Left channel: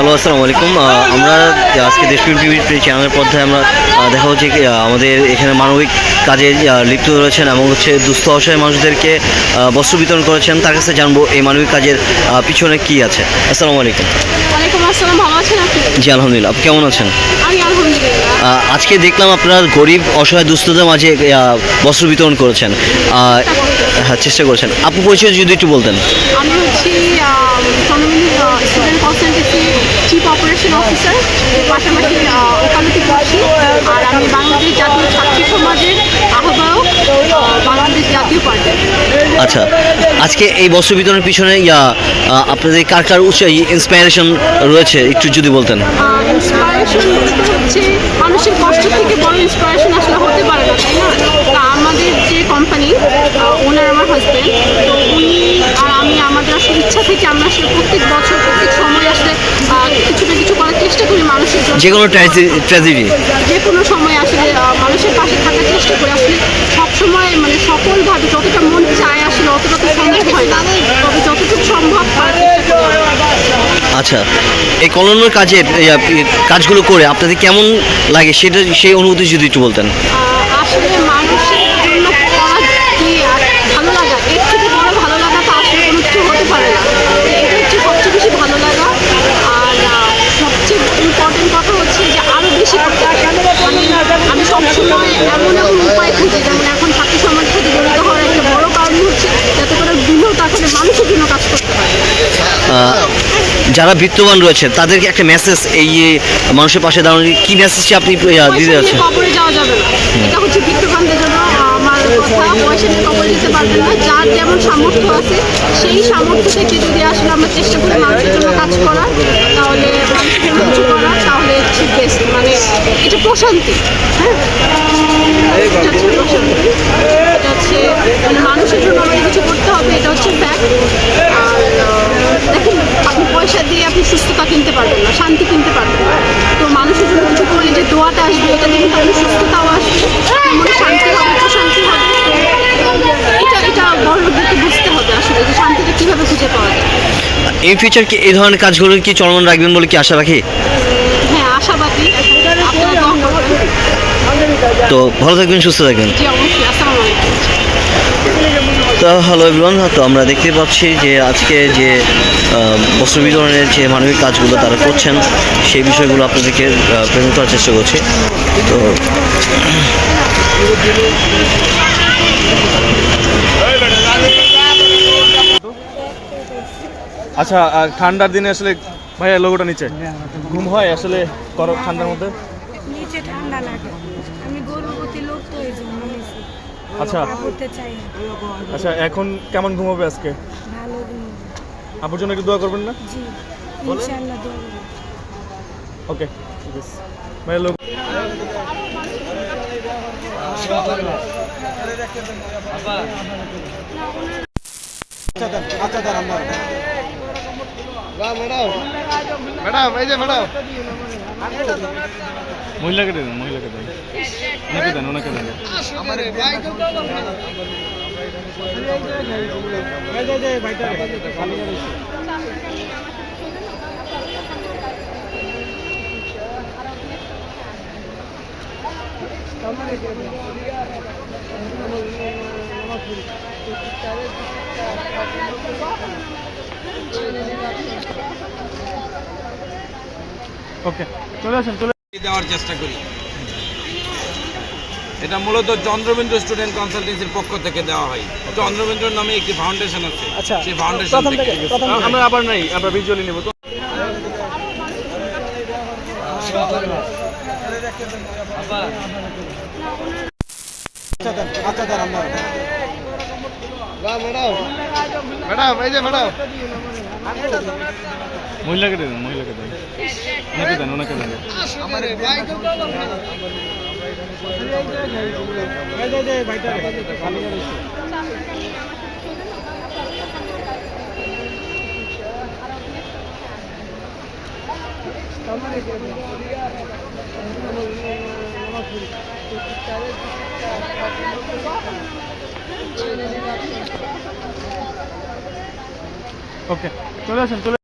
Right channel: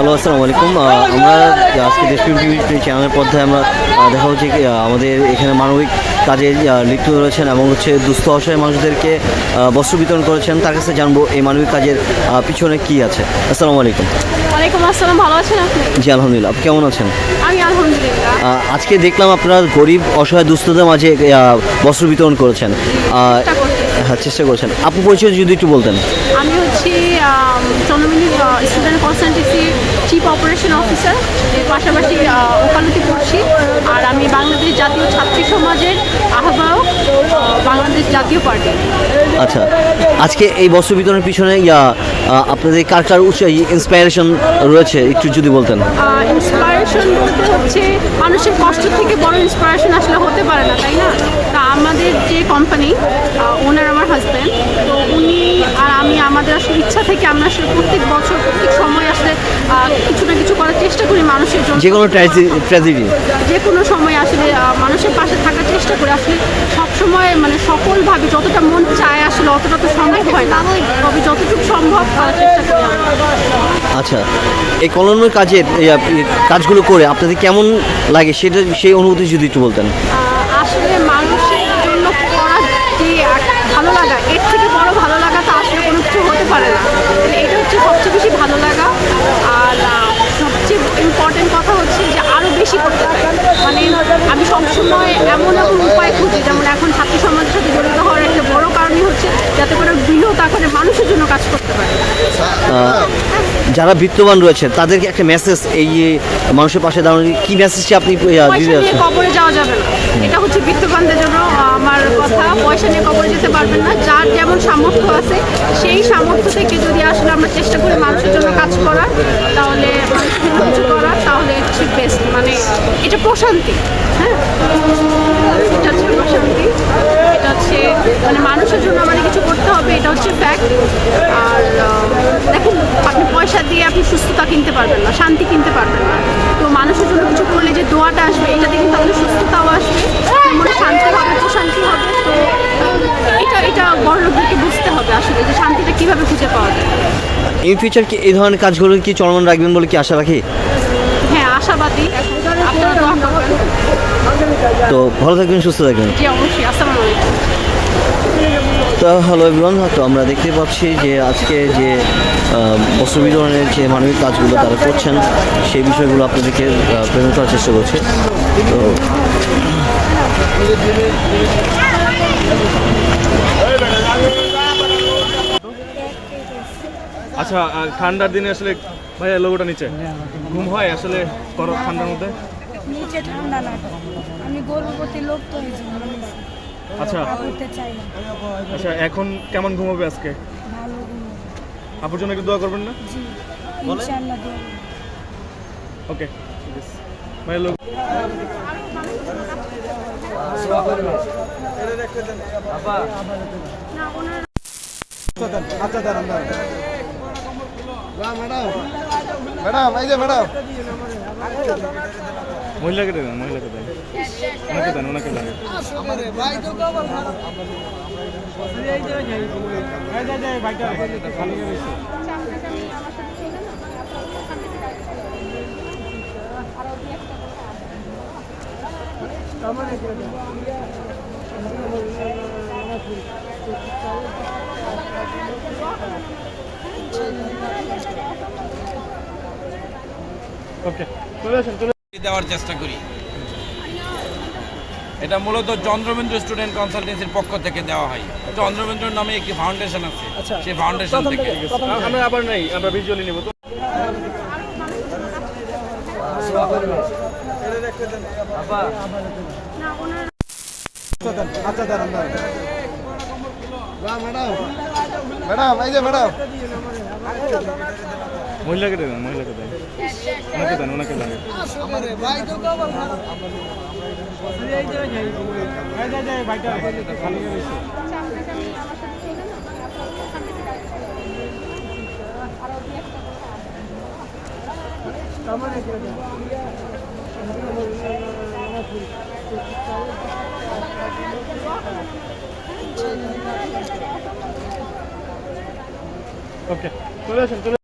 Hello আসসালামু আলাইকুম। আমরা আজকে দেশপ্রেম টিভি চ্যানেলের পর্দায় আমরা দেখা হচ্ছে আমাদের এখানে মানবিক কাজে লিপ্ত রয়েছেন এবং হচ্ছে দুস্থ অসহায় মানুষদেরকে বস্ত্র বিতরণ করেছেন। তার কাছে জানব এই মানবিক কাজের পিছনে কি আছে। আসসালামু আলাইকুম। আসসালাম ভালো আছেন আপনি? জি আলহামদুলিল্লাহ। আপনি কেমন আছেন? আমি আলহামদুলিল্লাহ। আজকে দেখলাম আপনার গরিব অসহায় দুস্থদের মাঝে বস্ত্র বিতরণ করেছেন। হ্যাঁ চেষ্টা করেছেন। আপু পরিচয় যদি একটু বলতেন আমি হচ্ছি Chandramini student consultancy operation officer পাশাপাশি ওকালতি করছি। আর আমি বাংলাদেশ জাতীয় ছাত্রী সমাজের আহ্বায়ক বাংলাদেশ জাতীয় পার্টি। আচ্ছা আজকে এই বস্ত্র বিতরণের পিছনে ইয়া আপনাদের কার কার উৎস ইন্সপায়ারেশন রয়েছে একটু যদি বলতেন? ইন্সপায়ারেশন বলতে হচ্ছে মানুষের কষ্ট থেকে বড় ইন্সপায়ারেশন আসলে হতে পারে না তাই না? তা আমাদের যে কোম্পানি ওনার আমার হাজব্যান্ড তো উনি আর আমি আসলে ইচ্ছা থেকে আমরা আসলে প্রত্যেক বছর প্রত্যেক সময় আসলে কিছু না কিছু করার চেষ্টা করি মানুষের জন্য। যে কোনো ট্র্যাজেডি যে কোনো সময় আসলে মানুষের পাশে থাকার চেষ্টা করি। আসলে সবসময় মানে সকলভাবে যতটা মন চায় আসলে অতটা তো সম্ভব হয় না। তবে যতটুকু সম্ভব করার চেষ্টা করি। আচ্ছা এই কলমের কাজে ই- কাজগুলো করে আপনাদের কেমন লাগে সেটা সেই অনুভূতি যদি একটু বলতেন। আসলে মানুষের জন্য করা যে ভালো লাগা এর থেকে বড় ভালো লাগা তো আসলে কোনো কিছু হতে পারে না। এটা হচ্ছে সবচেয়ে বেশি ভালো লাগা। আর সবচেয়ে ইম্পর্টেন্ট কথা হচ্ছে যে আরও বেশি করতে মানে আমি সবসময় এমন এমন উপায় খুঁজি যেমন এখন ছাত্র সমাজের সাথে জড়িত হওয়ার একটা বড় কারণ হচ্ছে যাতে করে বৃহৎ আকারে মানুষের জন্য কাজ করতে পারে। যারা বিত্তবান রয়েছে তাদেরকে একটা মেসেজ এই মানুষের পাশে দাঁড়ানো কি মেসেজটি আপনি দিতে যাচ্ছেন? কবরে যাওয়া যাবে না। এটা হচ্ছে বিত্তবানদের জন্য আহ, আমার কথা কবর দিতে পারবেন না। যার যেমন সামর্থ্য আছে, সেই সামর্থ্য থেকে যদি আসলে আমরা চেষ্টা করি মানুষের জন্য কাজ করার, তাহলে মানুষের জন্য কিছু করার, তাহলে বেস্ট মানে এটা প্রশান্তি। হ্যাঁ? এটা হচ্ছে প্রশান্তি। এটা হচ্ছে মানে মানুষের জন্য আমাদের কিছু করতে হবে, এটা হচ্ছে ফ্যাক্ট আর আহ, দেখুন আপনি পয়সা দিয়ে আপনি সুস্থতা কিনতে পারবেন না শান্তি কিনতে পারবেন না তো মানুষের জন্য কিছু করলে যে দোয়াটা আসবে এটা দিয়ে কিন্তু আপনি সুস্থতাও আসবে আপনার মনে শান্তি হবে প্রশান্তি হবে তো এটা এটা বড় লোকদেরকে বুঝতে হবে আসলে যে শান্তিটা কীভাবে খুঁজে পাওয়া যায়। এই ফিউচার কি এই ধরনের কাজগুলো কি চলমান রাখবেন বলে কি আশা রাখি? হ্যাঁ আশাবাদী। আপনারা দোয়া করবেন। তো ভালো থাকবেন সুস্থ থাকবেন। জি অবশ্যই। আসসালামু আলাইকুম। তো হ্যালো এভরিওয়ান তো আমরা দেখতে পাচ্ছি যে আজকে যে বস্ত্র বিতরণের যে মানবিক কাজগুলো তারা করছেন সেই বিষয়গুলো আপনাদেরকে প্রেজেন্ট করার চেষ্টা করছি। তো আচ্ছা আর ঠান্ডার দিনে আসলে ভাইয়া লোগোটা নিচে ঘুম হয় আসলে করো ঠান্ডার মধ্যে নিচে ঠান্ডা লাগে আমি গর্ভবতী লোক তো জন্য আচ্ছা পড়তে চাই আচ্ছা এখন কেমন ঘুমাবে আজকে ভালো ঘুম আপুর জন্য কি দোয়া করবেন না জি ইনশাআল্লাহ দেবো ওকে ঠিক আছে ভাইয়া লোক মহিলাকে দেন মহিলাকে দেন দেন ওকে চলে আসেন চলে দেওয়ার চেষ্টা করি। এটা মূলত চন্দ্রবিন্দু স্টুডেন্ট কনসালটেন্সির পক্ষ থেকে দেওয়া হয়। চন্দ্রবিন্দু নামে একটি ফাউন্ডেশন আছে। সেই ফাউন্ডেশন থেকে আমরা আবার নাই আমরা ভিজুয়ালি নেব তো। মহিলাকে দেন মহিলাকে দেন। ওনাকে দেন ওনাকে দেন। ওকে চলে আসেন চলে